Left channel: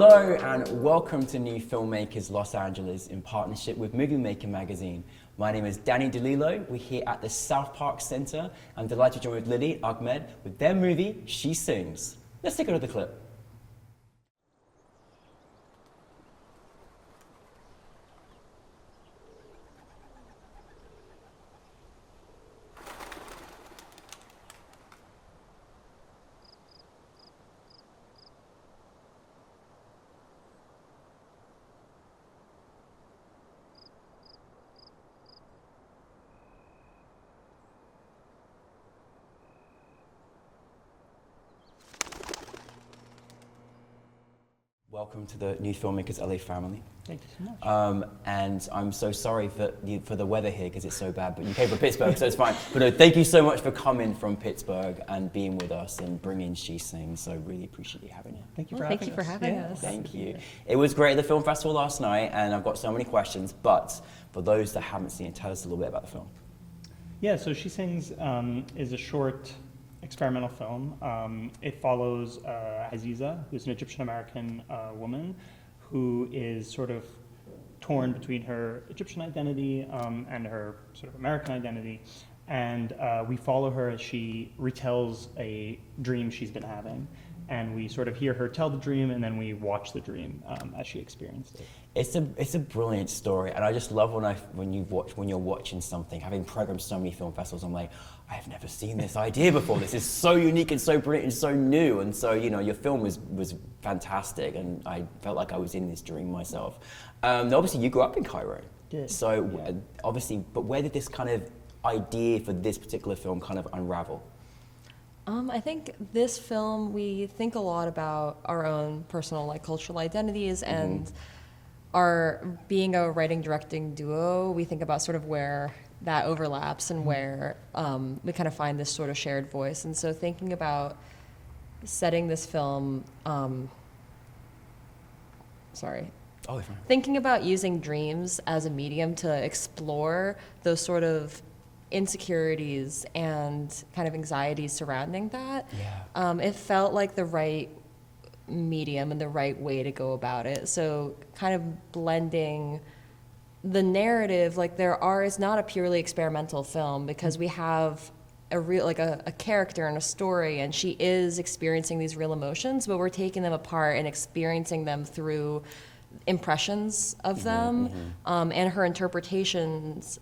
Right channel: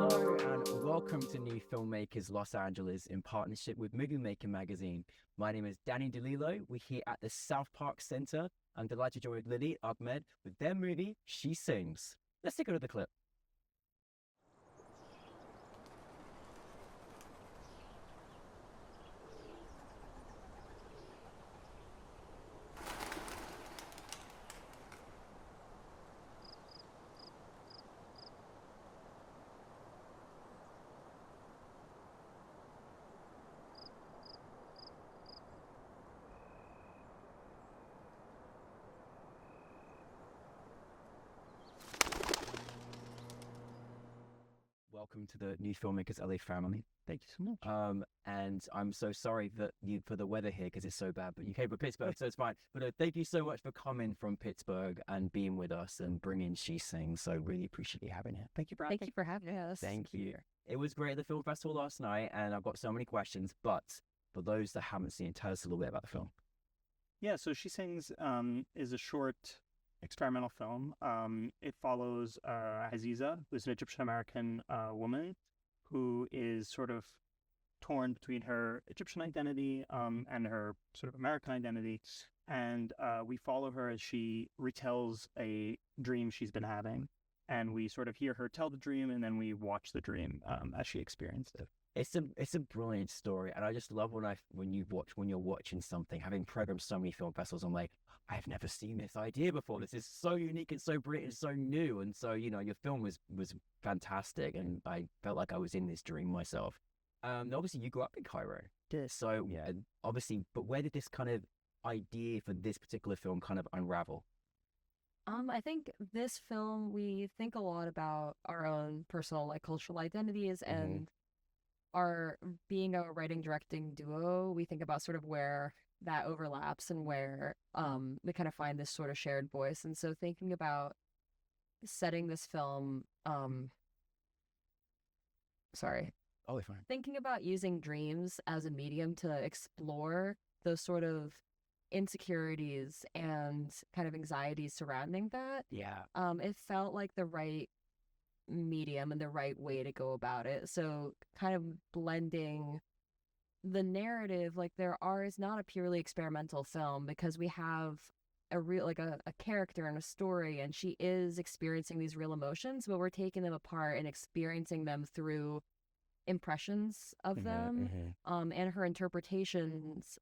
Hello and welcome to New Filmmakers Los Angeles in partnership with Movie Maker magazine. My name is Danny DeLillo. We're here at the South Park Center. I'm delighted to join with Lily, Ahmed with their movie, She Sings. Let's take a look at the clip. Welcome to the New Filmmakers LA family. Thank you so much. And I'm so sorry for the weather here because it's so bad, but you came from Pittsburgh, so it's fine. But thank you so much for coming from Pittsburgh and being with us and bringing She Sings. So really appreciate you having you. Thank you for having us. Thank you for having us. Thank you. It was great at the film festival last night, and I've got so many questions. But for those that haven't seen it, tell us a little bit about the film. Yeah, so She Sings is a short experimental film. It follows Aziza, who's an Egyptian-American woman who is sort of torn between her Egyptian identity and her sort of American identity. And we follow her as she retells a dream she's been having. And we sort of hear her tell the dream, and then we watch the dream as she experienced it. It's a brilliant story, and I just love when you're watching something. Having programmed so many film festivals, I'm like, I've never seen this idea before. This is so unique and so brilliant and so new. And so your film was fantastic, and I felt like I was in this dream myself. Obviously, you grew up in Cairo. Did. So Yeah. obviously, but where did this kind of idea for this particular film kind of unravel? I think this film, we think a lot about our own personal cultural identities and our being a writing directing duo. We think about sort of where that overlaps and where we kind of find this sort of shared voice. And so thinking about setting this film, thinking about using dreams as a medium to explore those sort of insecurities and kind of anxieties surrounding that. Yeah. It felt like the right medium and the right way to go about it. So kind of blending the narrative, it's not a purely experimental film because we have a real, a character and a story, and she is experiencing these real emotions, but we're taking them apart and experiencing them through impressions of them, and her interpretations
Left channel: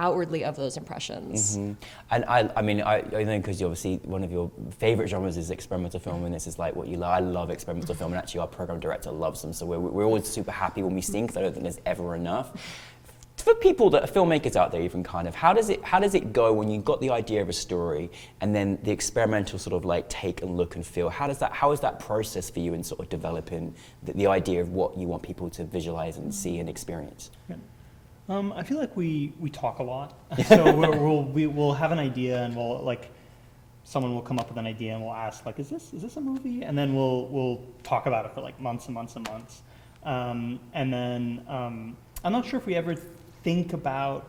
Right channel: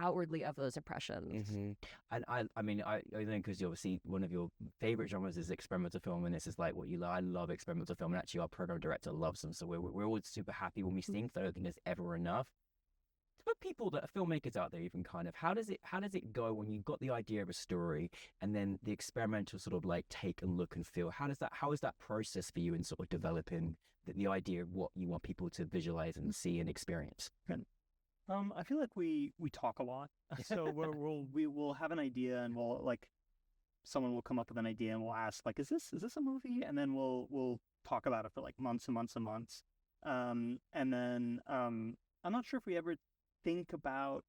outwardly of those impressions. And I mean, I know because obviously one of your favorite genres is experimental film, and this is like what you love. I love experimental film, and actually our program director loves them. So we're always super happy when we see, because I don't think there's ever enough. For people that are filmmakers out there, even kind of, how does it go when you've got the idea of a story and then the experimental sort of take and look and feel? How is that process for you in sort of developing the idea of what you want people to visualize and see and experience? Good. I feel like we talk a lot. So we'll have an idea, and someone will come up with an idea, and we'll ask is this a movie? And then we'll talk about it for months and months and months. And then I'm not sure if we ever think about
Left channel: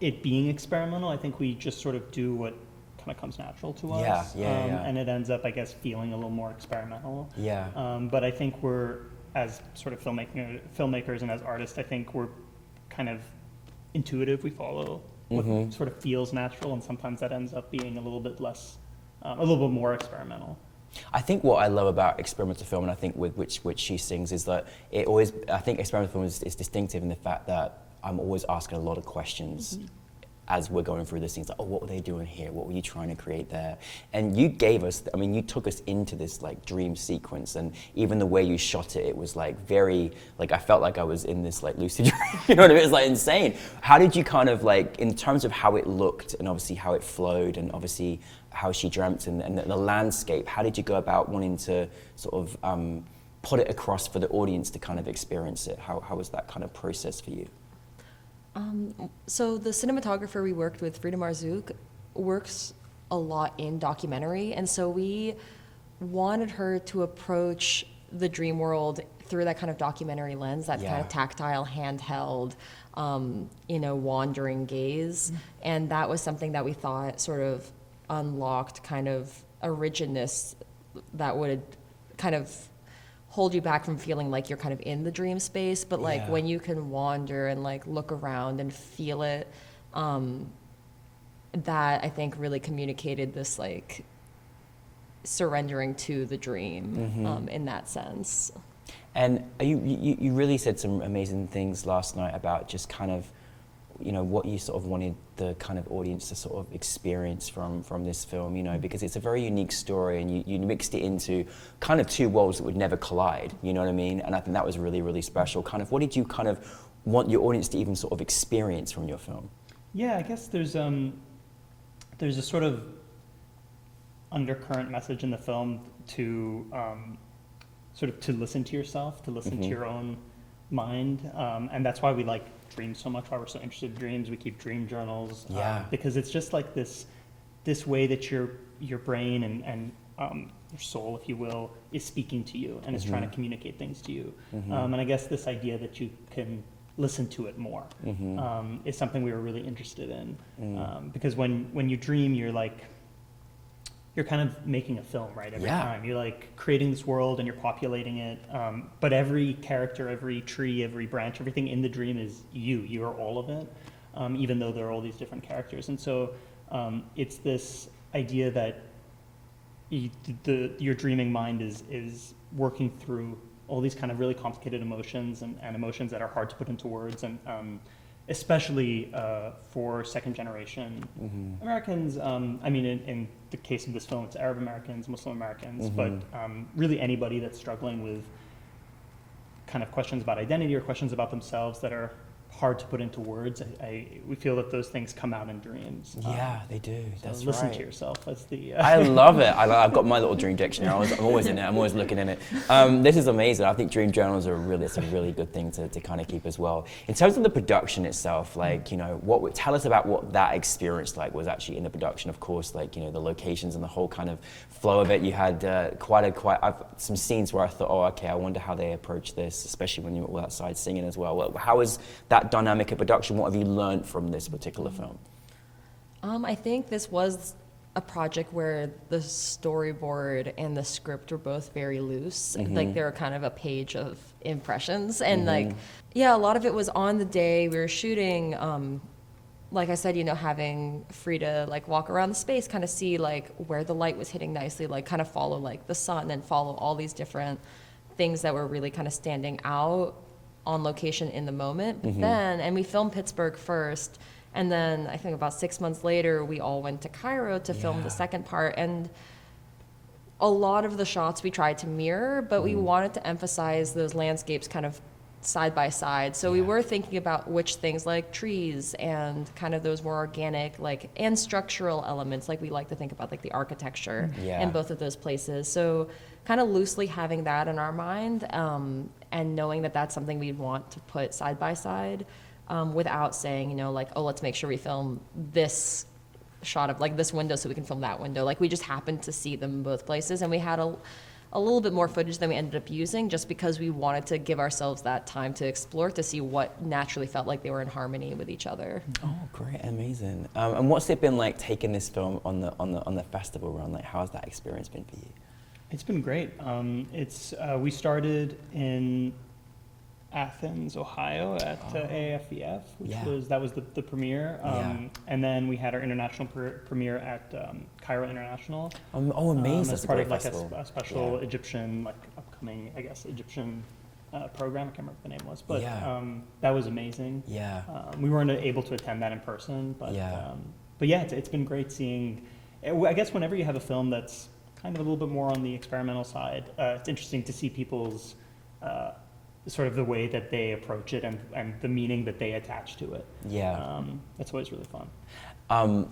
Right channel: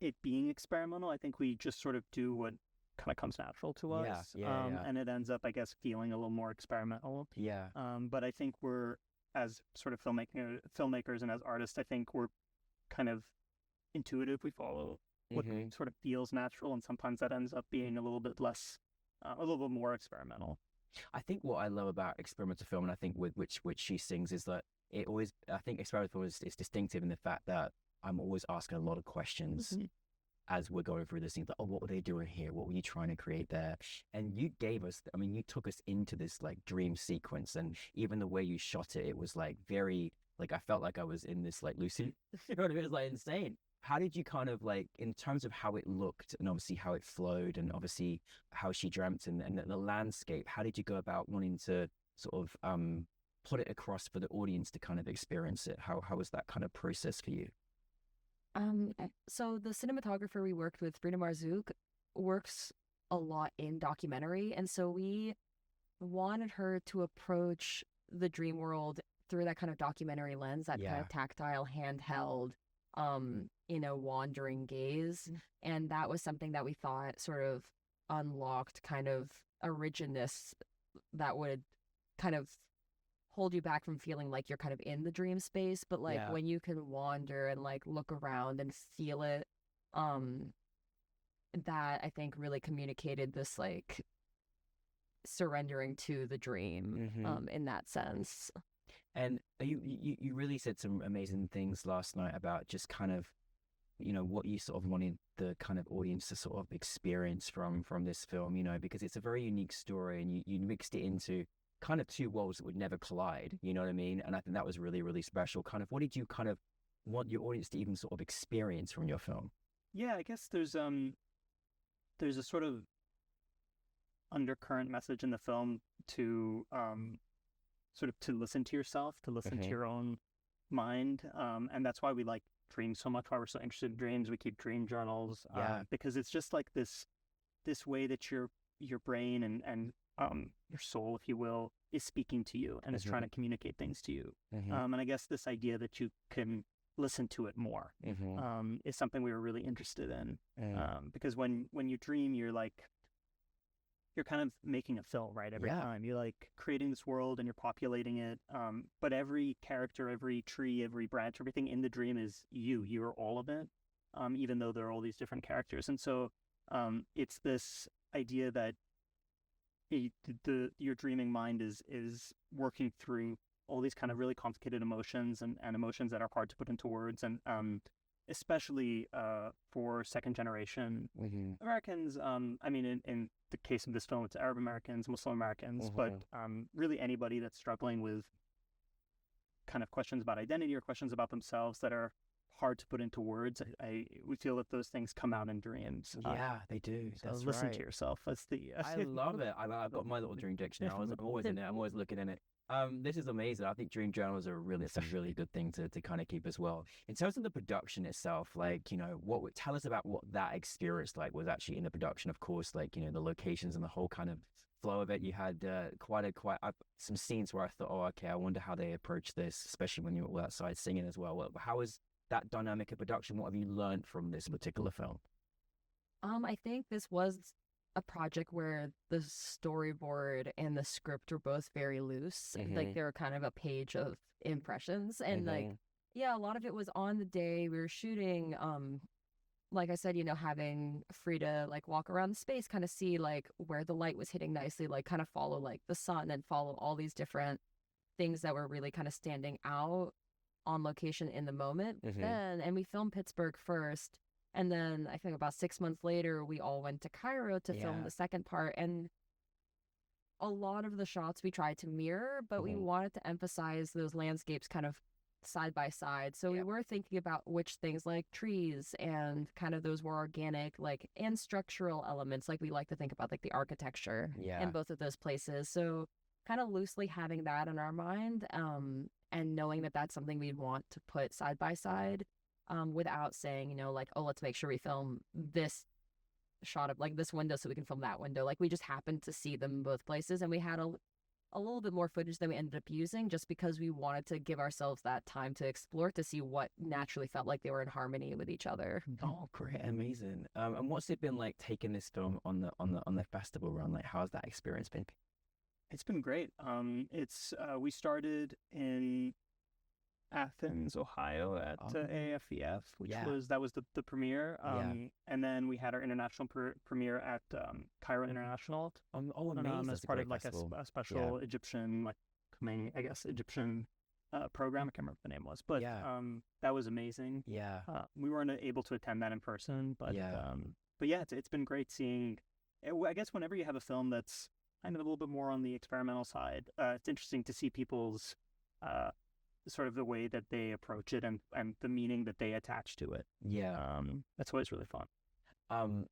it being experimental. I think we just sort of do what kind of comes natural to us. Yeah. And it ends up, I guess, feeling a little more experimental. Yeah. But I think we're, as sort of filmmakers and as artists, I think we're kind of intuitive. We follow what sort of feels natural, and sometimes that ends up being a little bit more experimental. I think what I love about experimental film, and I think with which She Sings, is that I think experimental film is distinctive in the fact that I'm always asking a lot of questions as we're going through the scenes, what were they doing here? What were you trying to create there? And you took us into this dream sequence, and even the way you shot it, it was very, I felt like I was in this lucid dream, you know what I mean? It was insane. How did you kind of in terms of how it looked, and obviously how it flowed, and obviously how she dreamt, and the landscape, how did you go about wanting to sort of put it across for the audience to kind of experience it? How was that kind of process for you? So the cinematographer we worked with, Frida Marzouk, works a lot in documentary, and so we wanted her to approach the dream world through that kind of documentary lens, that kind of tactile, handheld, wandering gaze. And that was something that we thought sort of unlocked kind of a rigidness that would kind of hold you back from feeling like you're kind of in the dream space, but like Yeah. when you can wander and like look around and feel it, that I think really communicated this like surrendering to the dream in that sense. And you really said some amazing things last night about just kind of, you know, what you sort of wanted the kind of audience to sort of experience from this film, you know, because it's a very unique story, and you mixed it into kind of two worlds that would never collide, you know what I mean? And I think that was really, really special. Kind of, what did you kind of want your audience to even sort of experience from your film? Yeah, I guess there's a sort of undercurrent message in the film to sort of to listen to yourself, to listen to your own mind, and that's why we like dreams so much, why we're so interested in dreams. We keep dream journals, because it's just like this way that your brain and your soul, if you will, is speaking to you and is trying to communicate things to you. And I guess this idea that you can listen to it more is something we were really interested in, because when you dream, you're kind of making a film, right? Every time you're like creating this world and you're populating it, but every character, every tree, every branch, everything in the dream is you. You are all of it, even though there are all these different characters. And so it's this idea that your dreaming mind is working through all these kind of really complicated emotions and emotions that are hard to put into words, and especially for second generation Americans. I mean, in the case of this film, it's Arab Americans, Muslim Americans, but really anybody that's struggling with kind of questions about identity or questions about themselves that are hard to put into words. We feel that those things come out in dreams. Yeah, they do. So That's listen right. to yourself. That's the. I love it. I've got my little dream dictionary. I'm always in it. I'm always looking in it. This is amazing. I think dream journals are it's a really good thing to kind of keep as well. In terms of the production itself, like, you know, tell us about what that experience like was actually in the production. Of course, like, you know, the locations and the whole kind of flow of it. You had some scenes where I thought, oh, okay, I wonder how they approach this, especially when you were outside singing as well. How is that dynamic of production? What have you learned from this particular film? I think this was a project where the storyboard and the script were both very loose. Like they were kind of a page of impressions, and like, yeah, a lot of it was on the day we were shooting. Like I said, you know, having free to like walk around the space, kind of see like where the light was hitting nicely, like kind of follow like the sun and follow all these different things that were really kind of standing out on location in the moment. But then, and we filmed Pittsburgh first, and then I think about 6 months later, we all went to Cairo to film the second part. And a lot of the shots we tried to mirror, but we wanted to emphasize those landscapes kind of side by side. So we were thinking about which things like trees and kind of those more organic, like, and structural elements, like we like to think about like the architecture in both of those places. So kind of loosely having that in our mind, and knowing that that's something we'd want to put side by side, without saying, you know, like, oh, let's make sure we film this shot of like this window so we can film that window. Like we just happened to see them in both places, and we had a little bit more footage than we ended up using, just because we wanted to give ourselves that time to explore, to see what naturally felt like they were in harmony with each other. Oh, great, amazing. And what's it been like taking this film on the festival run? Like, how's that experience been for you? It's been great. We started in Athens, Ohio at AAFEF, which was the premiere. And then we had our international premiere at Cairo International. Oh, amazing. As part of like a special Egyptian, like upcoming, I guess, Egyptian program. I can't remember what the name was, but that was amazing. Yeah. We weren't able to attend that in person, but yeah, it's been great seeing. I guess whenever you have a film that's kind of a little bit more on the experimental side, it's interesting to see people's sort of the way that they approach it and the meaning that they attach to it. Yeah. That's always really fun.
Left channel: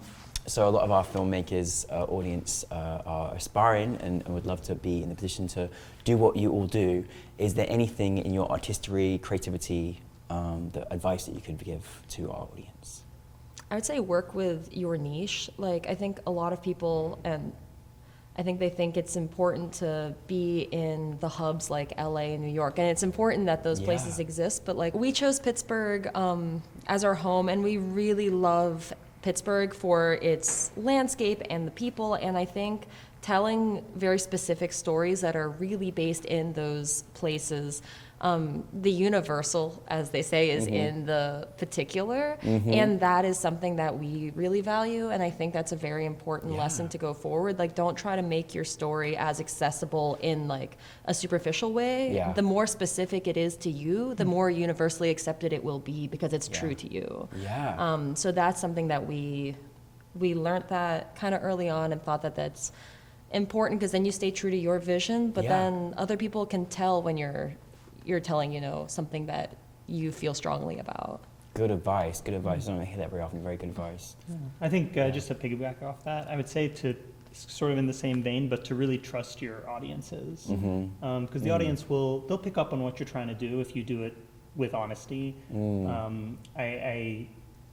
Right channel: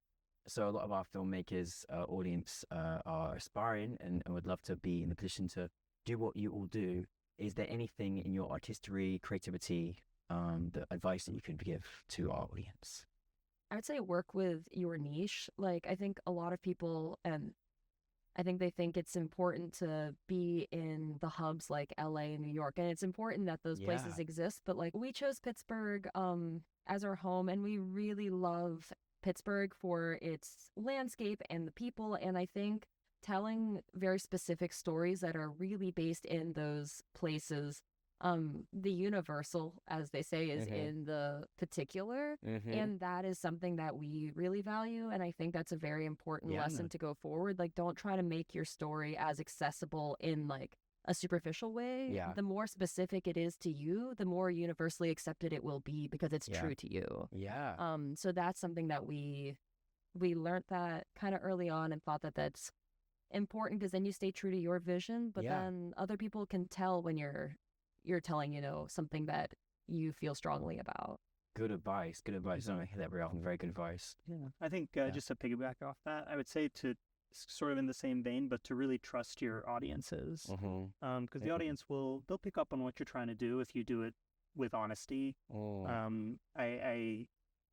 So a lot of our filmmakers audience are aspiring and would love to be in the position to do what you all do. Is there anything in your artistry, creativity, the advice that you could give to our audience? I would say work with your niche. Like, I think a lot of people, and I think they think it's important to be in the hubs like LA and New York, and it's important that those places exist, but like we chose Pittsburgh as our home, and we really love Pittsburgh for its landscape and the people, and I think telling very specific stories that are really based in those places. The universal, as they say, is in the particular, and that is something that we really value, and I think that's a very important lesson to go forward. Like, don't try to make your story as accessible in like a superficial way. Yeah. The more specific it is to you, the more universally accepted it will be because it's true to you. Yeah. So that's something that we learned that kind of early on and thought that that's important, because then you stay true to your vision, but then other people can tell when you're telling, you know, something that you feel strongly about. Good advice. Good advice. I don't hear that very often. Very good advice. Yeah. I think just to piggyback off that, I would say to sort of in the same vein, but to really trust your audiences, because the audience they'll pick up on what you're trying to do if you do it with honesty. I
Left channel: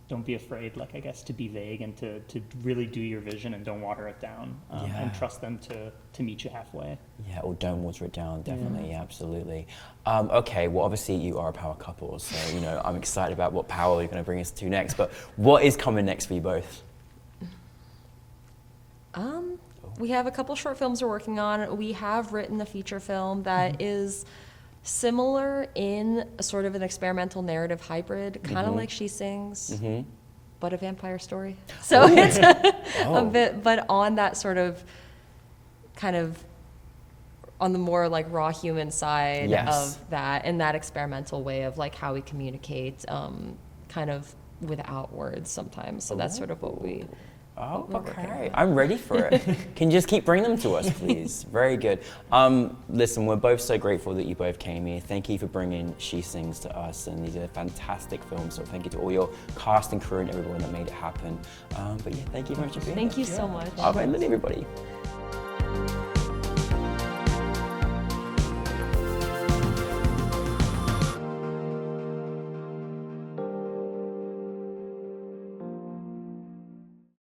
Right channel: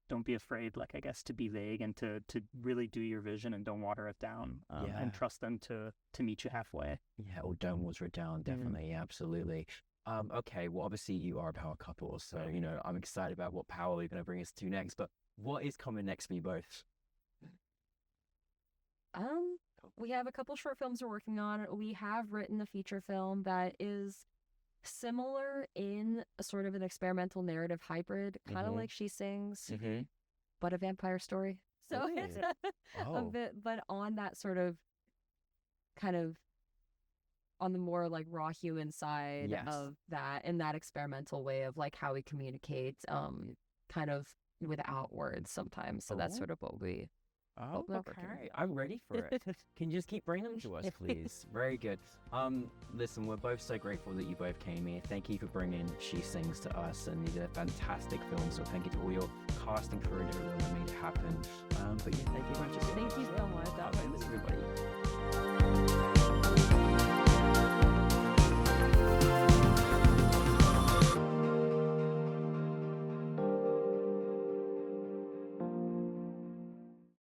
don't be afraid, like, I guess, to be vague and to really do your vision and don't water it down, and trust them to meet you halfway. Yeah, or don't water it down, definitely, yeah, absolutely. Okay, well, obviously you are a power couple, so, you know, I'm excited about what power you're going to bring us to next, but what is coming next for you both? We have a couple short films we're working on. We have written a feature film that is similar in a sort of an experimental narrative hybrid, kind of like She Sings, but a vampire story. So it's a bit, but on that sort of kind of on the more like raw human side of that, and that experimental way of like how we communicate, kind of without words sometimes. So that's sort of what we. Oh, okay. I'm ready for it. Can you just keep bringing them to us, please? Very good. Listen, we're both so grateful that you both came here. Thank you for bringing She Sings to us, and these are fantastic films. So thank you to all your cast and crew and everyone that made it happen. But yeah, thank you very much for being here. Thank you so much. Bye, everybody.